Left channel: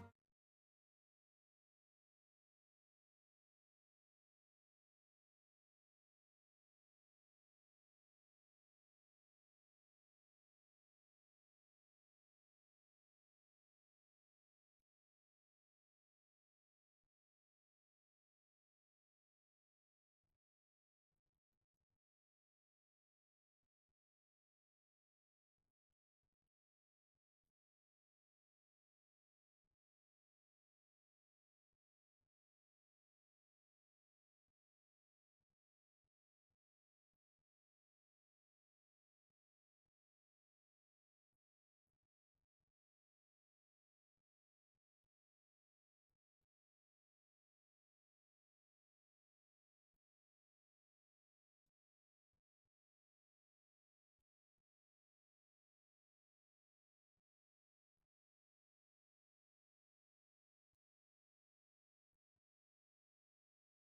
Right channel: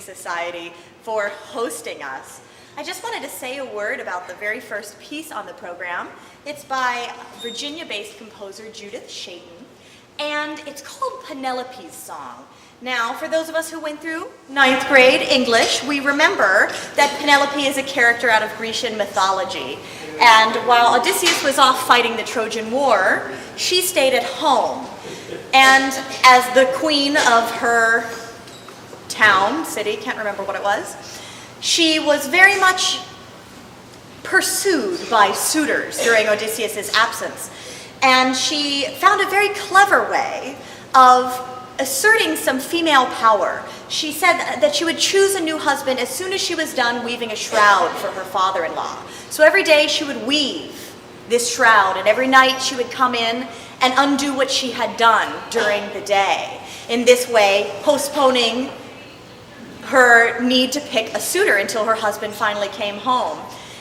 Society for hosting us. I just wanted to say a word about the very first piece on the program. It's by Virginia-based composer Judith Chayton, and it's called Penelope's Song. Now, for those of us who went through 9th grade English, we remember that Penelope is a character out of Grecian mythology. And while Odysseus was off fighting the Trojan War, she stayed at home. And as the queen of her town, city, can't remember what it was, she was very much pursued by suitors during Odysseus' absence. And she found a very clever way of asserting some female power. She said that she would choose a new husband as soon as she was done weaving a shroud for her father-in-law. So every day she would weave this shroud, and every night she would come in and undo what she had done during the day. In this way, postponing her need to pick a suitor until her husband finally came home.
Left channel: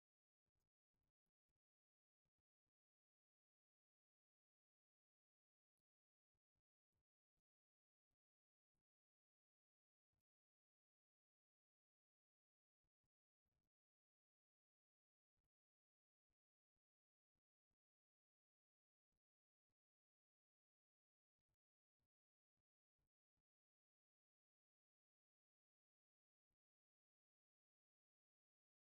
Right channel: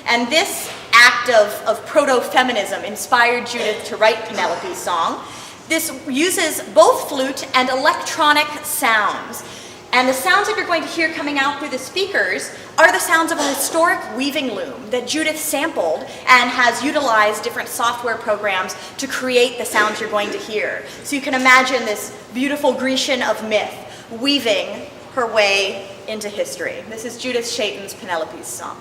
And this act of proto-feminism inspired Judith to write Penelope's Song. This uses both flute and electronic sounds. And the sounds that you're going to hear coming out through the speakers are the sounds of a historic weaving loom that Judith sampled and has utilized different software programs to create the sounds you're going to hear. So you can imagine this beautiful Grecian of myth weaving her way into history. This is Judith Chayton's Penelope's Song.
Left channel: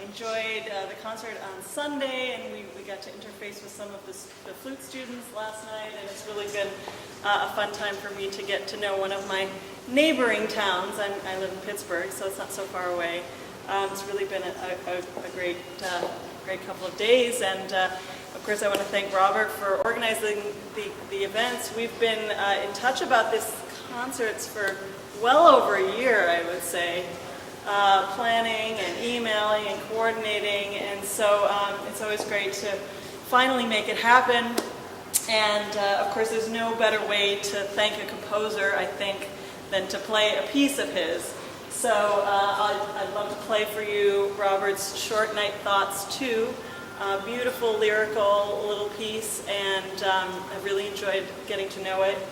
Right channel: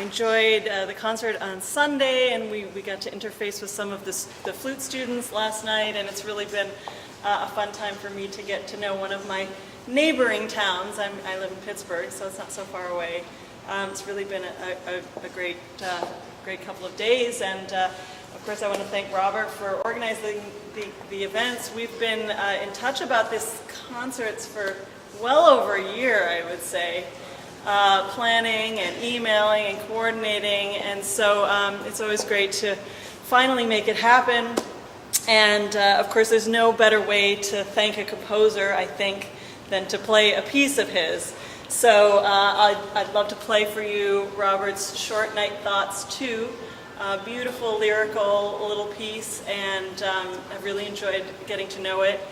I enjoyed the concert on Sunday, and we got to interface with some of the flute students last night, and it's really been a fun time for me to get to know one of my neighboring towns. I live in Pittsburgh, so it's not so far away. It's really been a great couple of days, and of course I want to thank Robert for organizing the events. We've been in touch about this concerts for well over a year, I would say. Planning and emailing and coordinating, and so it's always great to finally make it happen. And of course there's no better way to thank a composer, I think, than to play a piece of his. So I'd love to play for you Robert's Short Night Thoughts 2, a beautiful lyrical little piece, and I've really enjoyed getting to know it.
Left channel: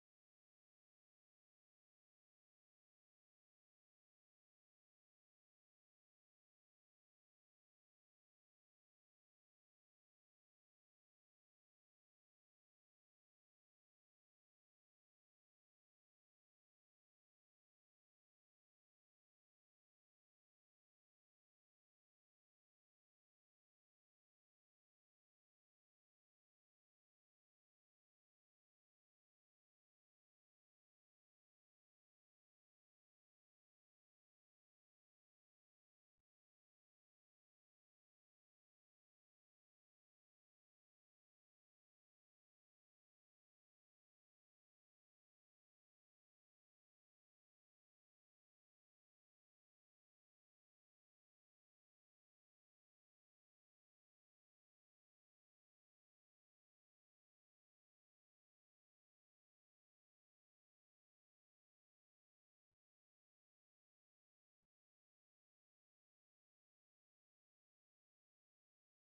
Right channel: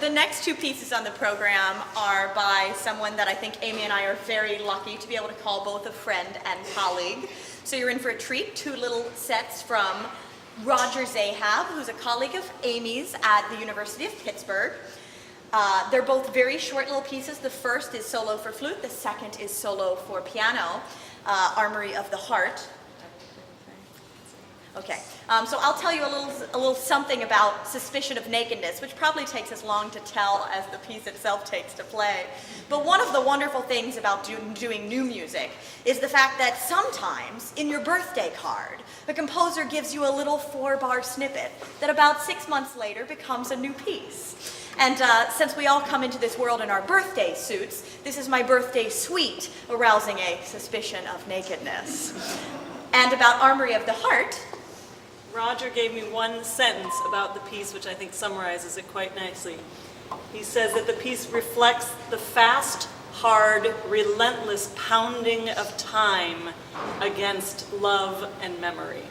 The next two pieces on the program are by someone that I think Amy and I are very lucky to be able to call both a friend and colleague. So you're in for a treat. Two little sets from Roger Zahab, who's a colleague of Amy's at the University of Pittsburgh. They're both very short little pieces. The first is solo for flute. The second is solo for piano, Armory of the Heart. Okay, so I'll tell you a little something about Suspicion of Nakedness, which probably takes as long to tell as the piece itself takes to play. But one of the wonderful things about doing new music is the fact that sometimes in your birthday card, a composer gives you a little 4-bar snippet that about 6 months later becomes a new piece. And since we all come into this world in our birthday suits, this is my birthday suite, arousing a suspicion of nakedness. And about Armory of the Heart, Roger gave me one sentence about the piece, which I think summarizes it quite nicely. He says that the piece reflects the fast, hard, relentless pounding of time against love and memory.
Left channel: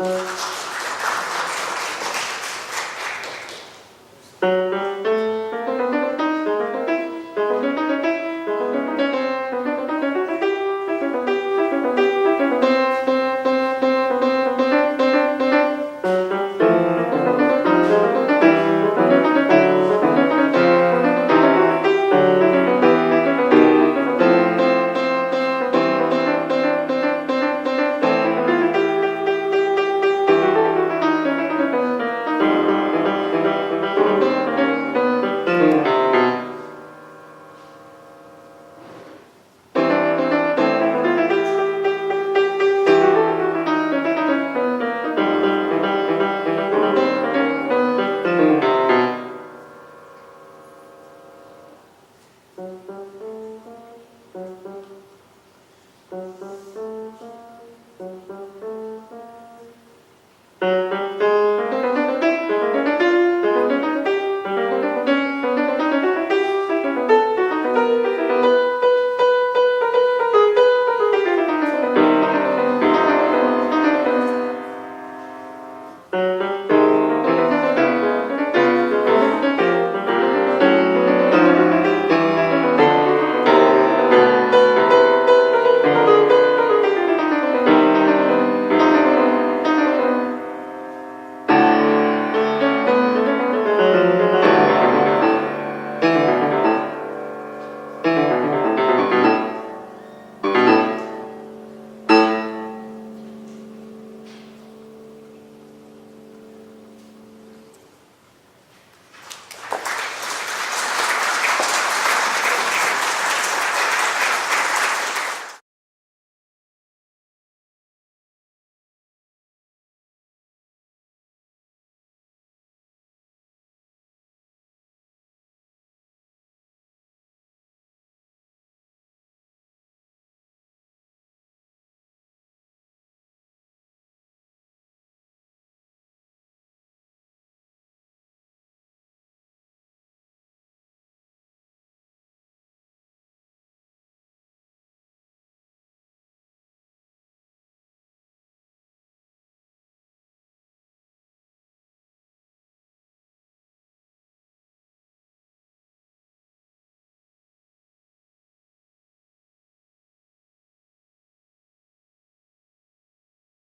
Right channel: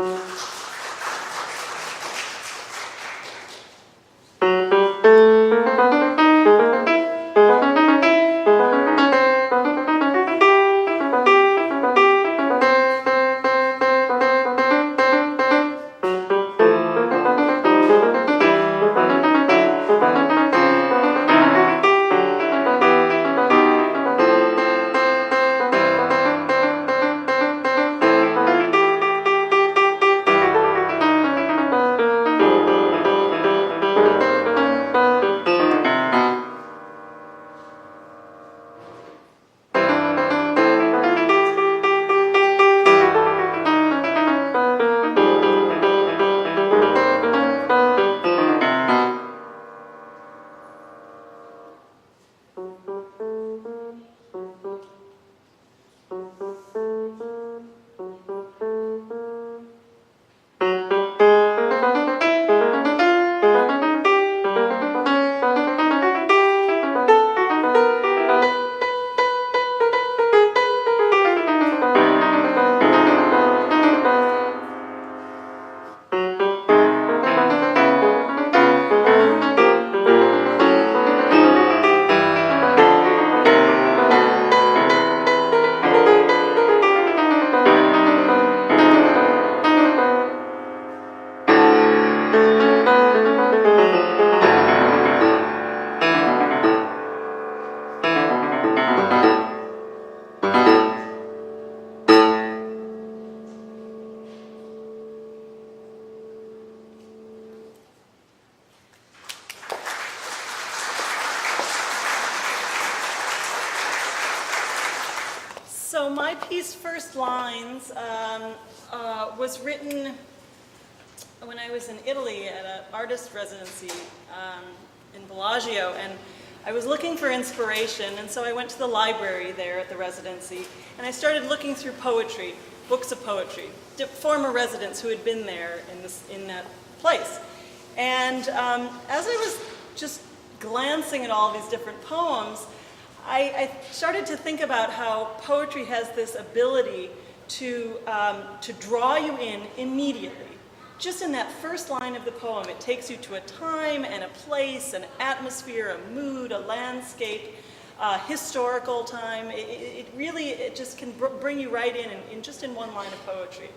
So my piece, First Lines, was written when I was in Italy at an artist residency in Bellagio, and I was looking for inspiration, and so I went to the library there at the residency, and I started looking through poetry, books of poetry, former residents who had been there in that place. And as I was just glancing at all these different poems, I started to think about how poetry has this ability to draw you in immediately. Just in that first line of the poem, it takes you to a time and a place, an atmosphere, a mood, a landscape, historical time. It just can bring you right in just in one line of poetry.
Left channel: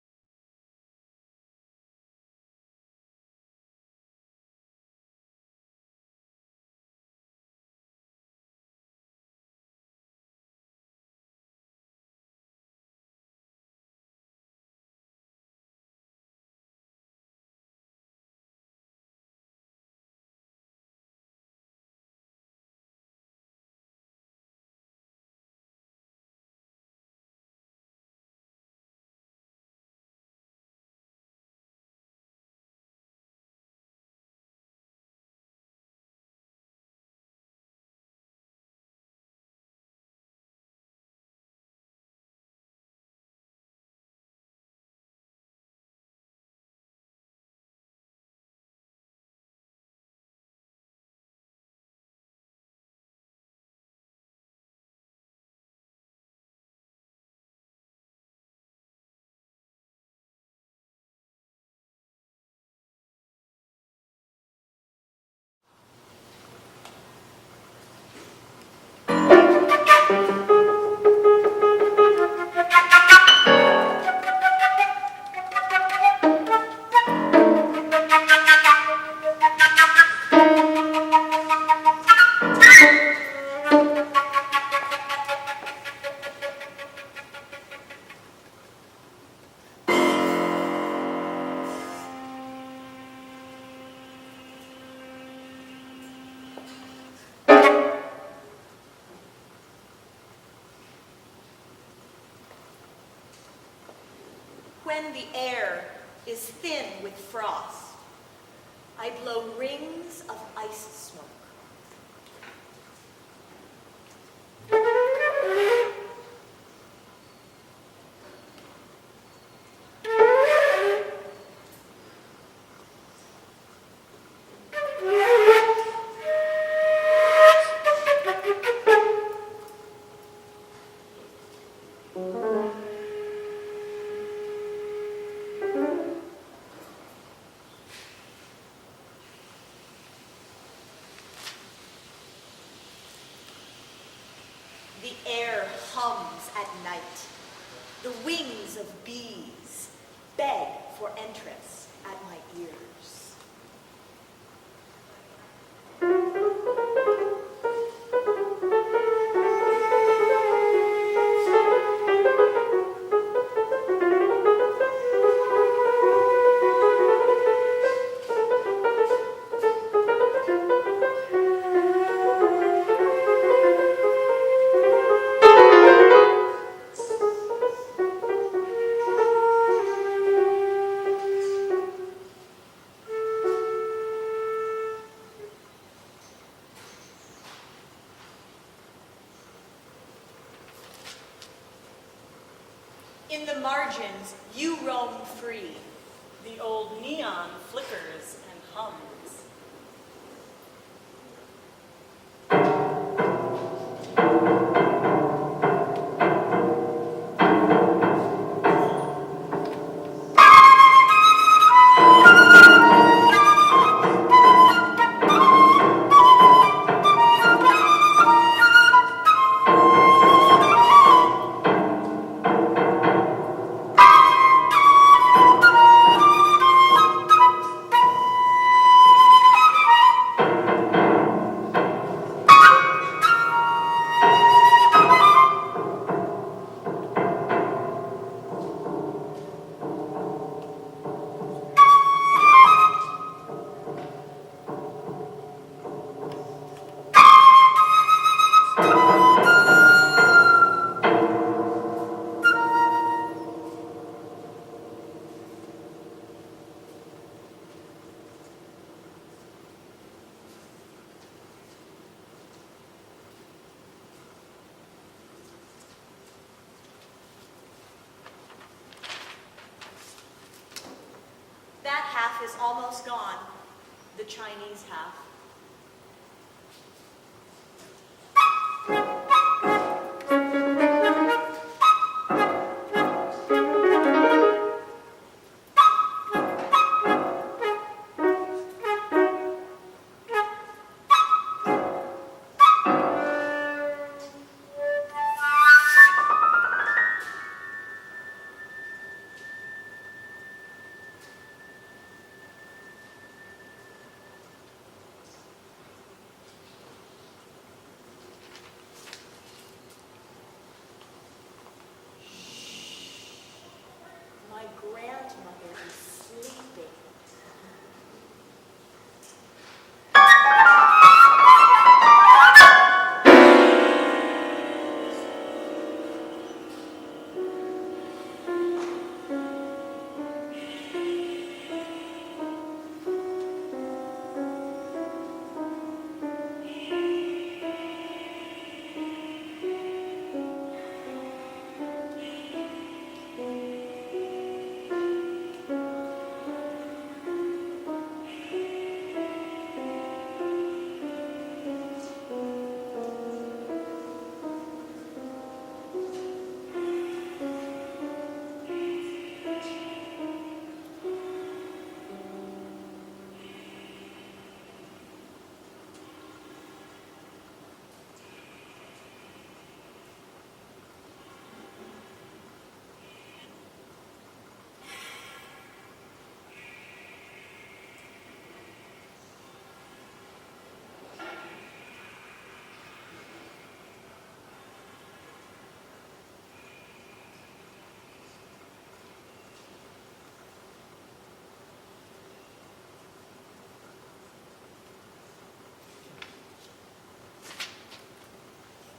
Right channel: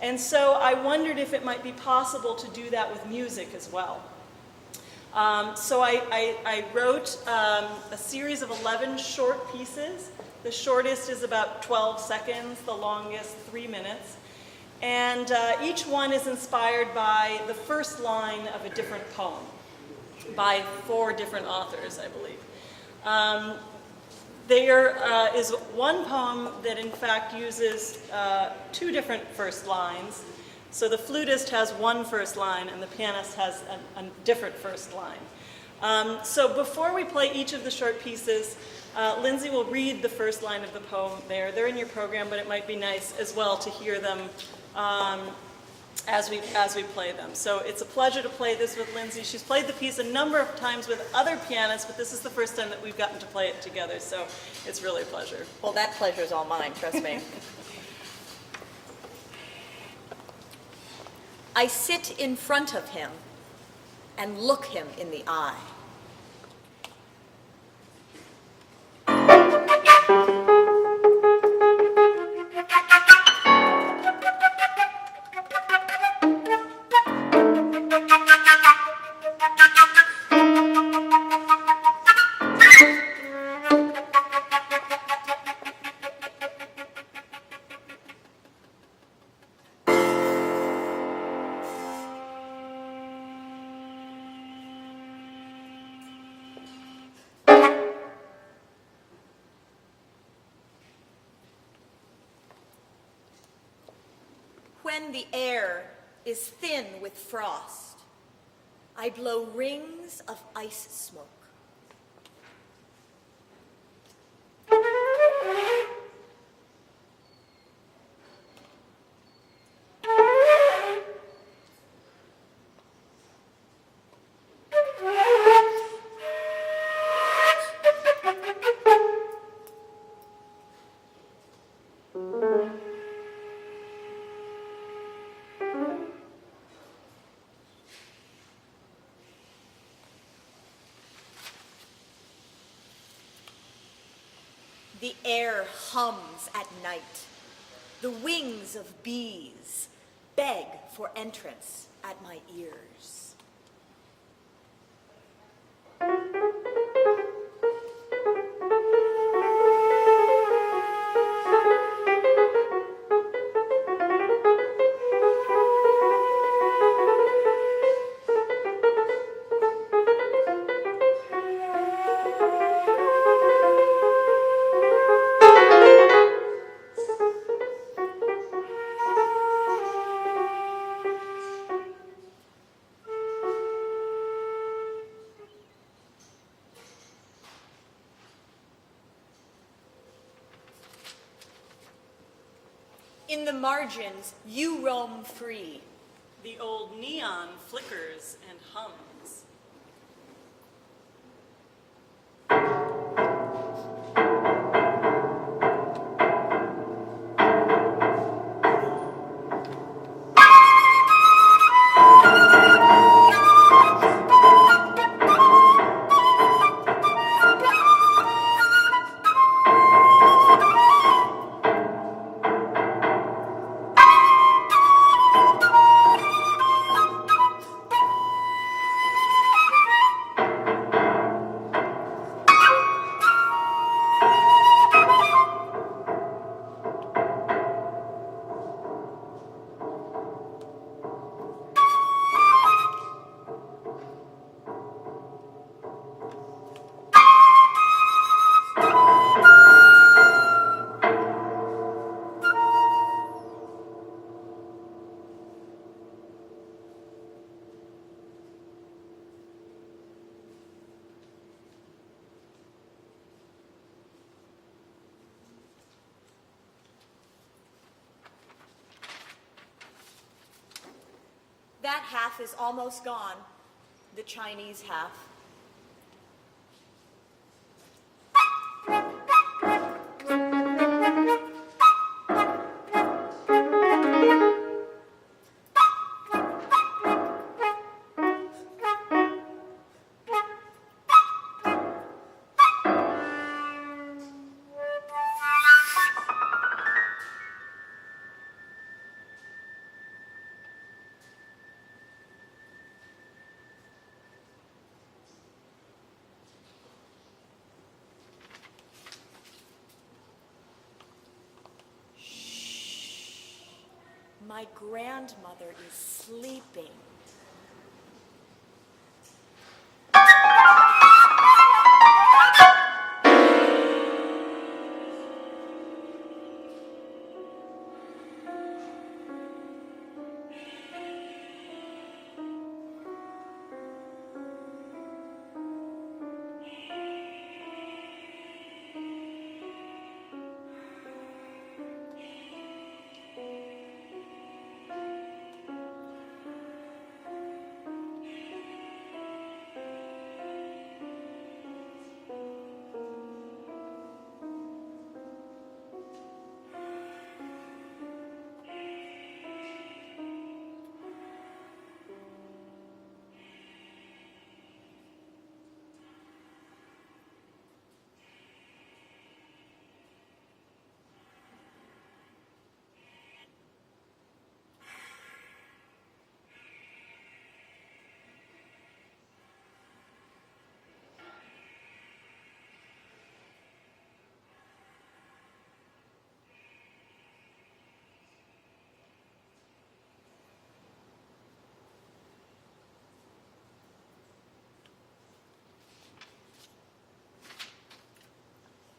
And so I wondered if it might be possible to do that with music as well. So I wrote a series of 11 short pieces. The shortest is about 12 seconds, the longest 3 minutes. And each one is inspired by the first line of a different poem by 4 different authors, I believe. There is one poem that in fact uses 2 different first lines. So the flutist has one first line and the pianist has a different first line. So before we play each of the short pieces, Lindsey will read the first line of the poem there. They're in your program, but it might be nice as well to hear them as we play them. So it's a pleasure to play this with Lindsey. She's played the piece a number of times with other pianists, but this is the first time that we've gotten to play it together, so it's really a pleasure. Well, that pleasure's all mine, trust me. I sit in front of him and look him in the eye. When the air is thin with frost, I blow rings of ice smoke. air hums at night. The wings of bees beg for entrance at my ears. In the margins, you roam free. The old neon flickers and hums. That half is almost gone, the Chinese half. My grandmother is sleeping.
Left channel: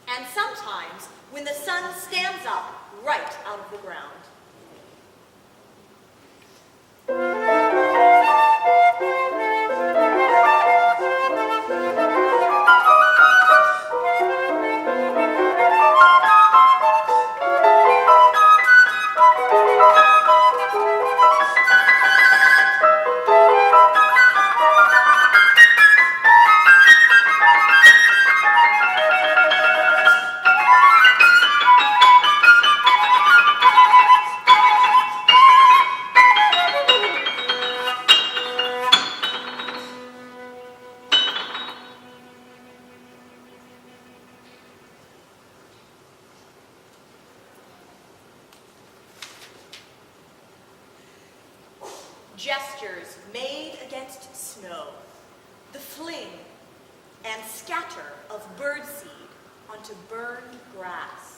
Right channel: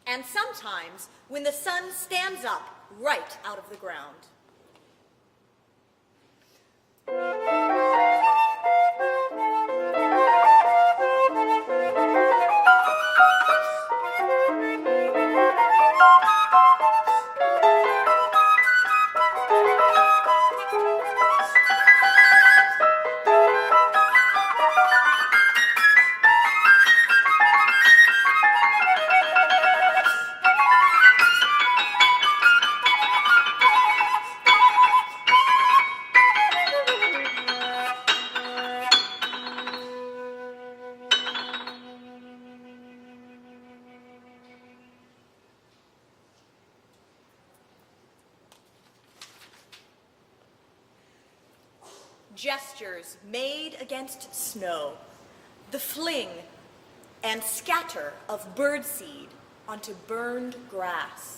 And sometimes when the sun stands up right out of the ground. gestures made against snow, the fling and scatter of birdseed onto burned grass.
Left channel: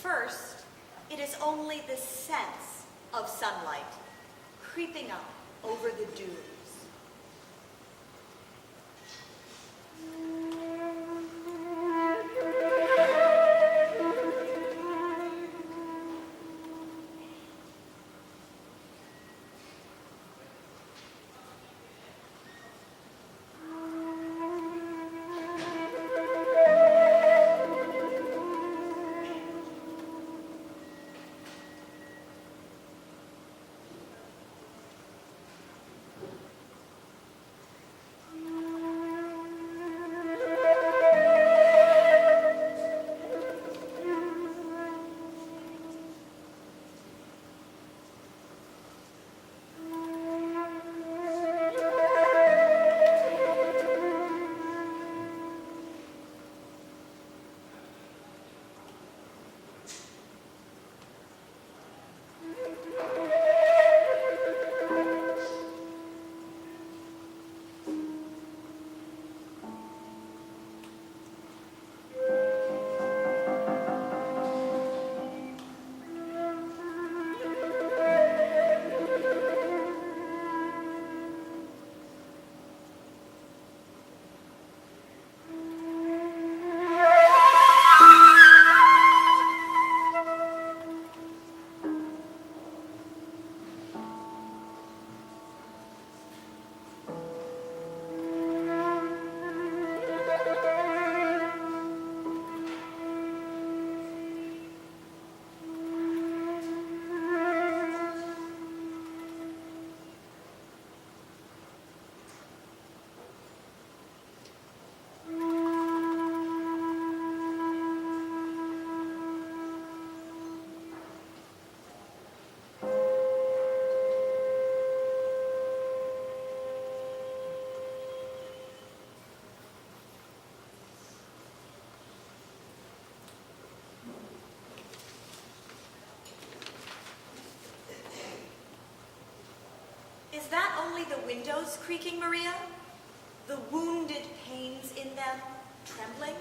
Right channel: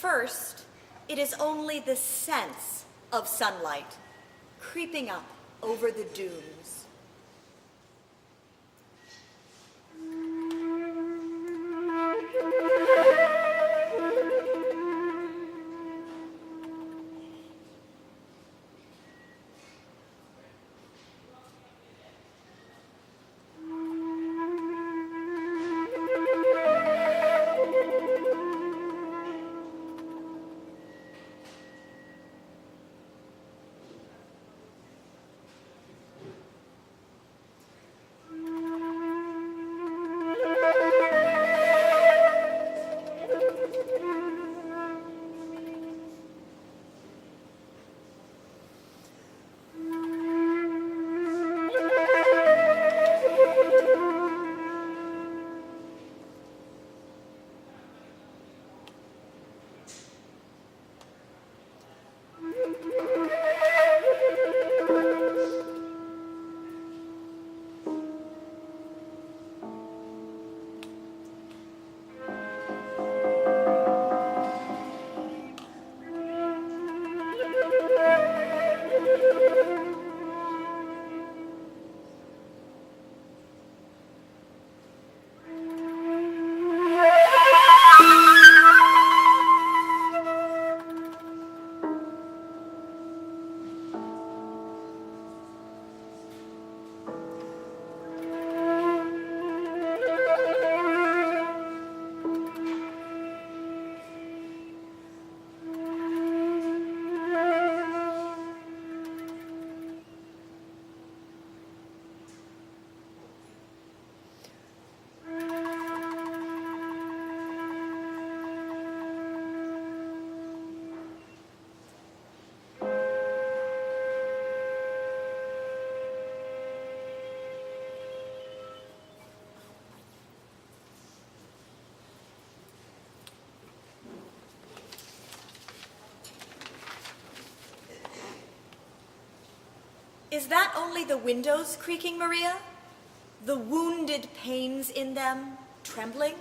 First, it is only the sense of sunlight creeping up over the dunes. Is that only the windows creaking, Maria? The wounded panes in them trembling?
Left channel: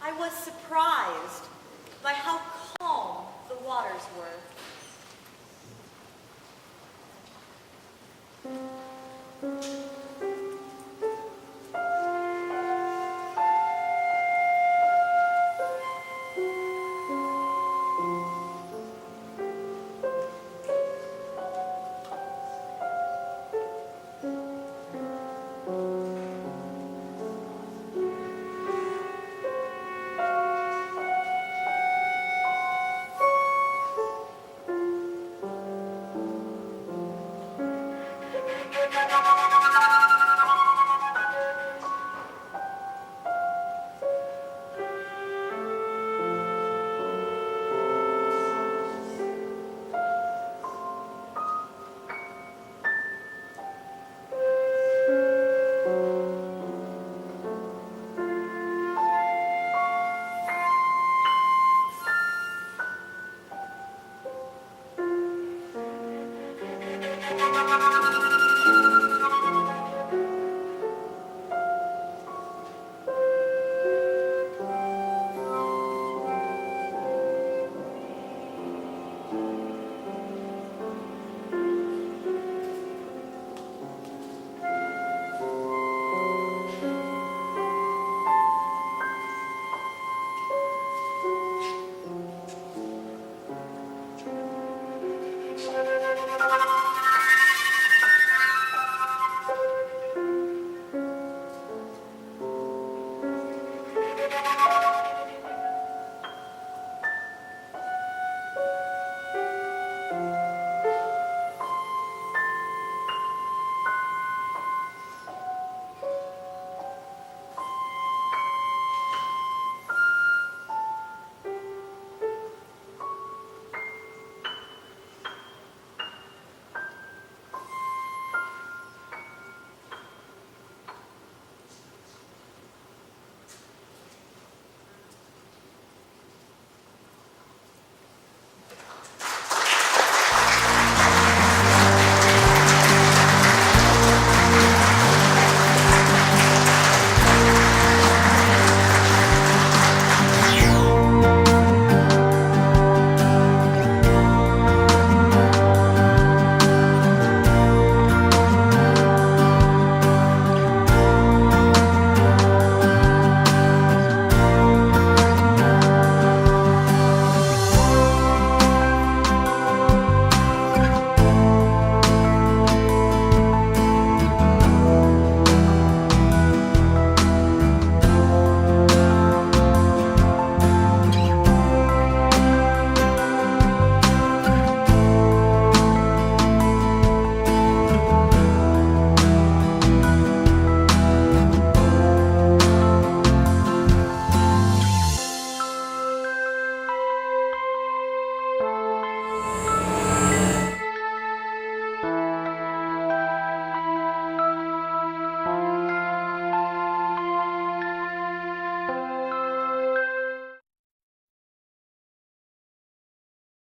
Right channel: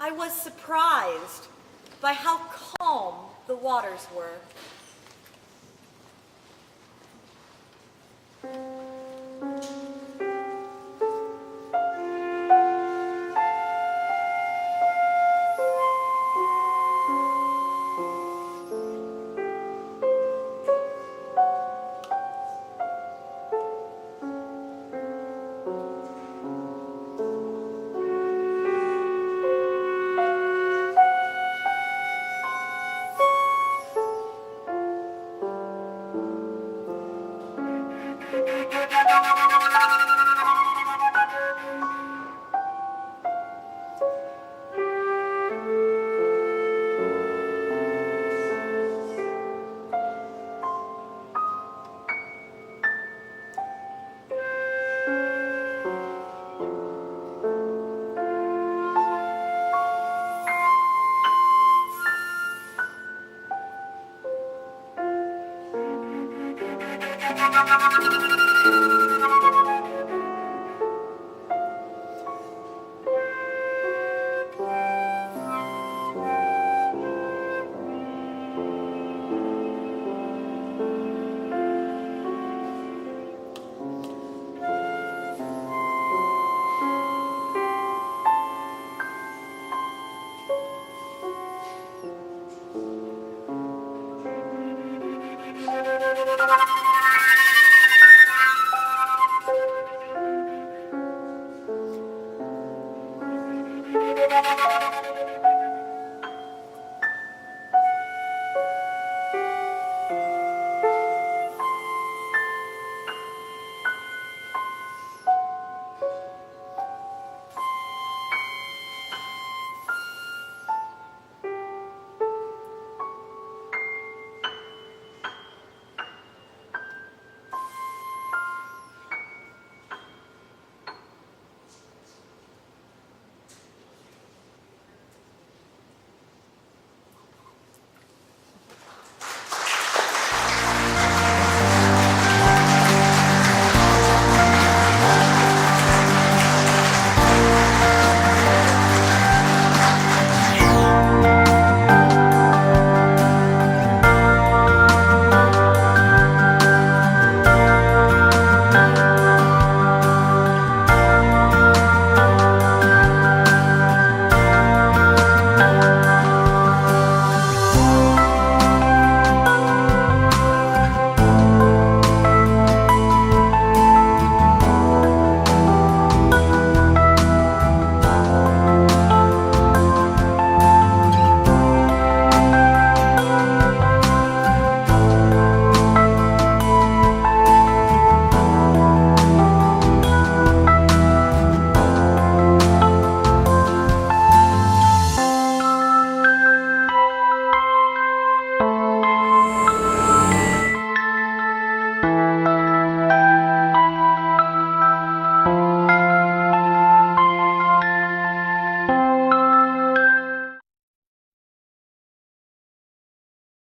I was surprised by how calm the waters were. Bye.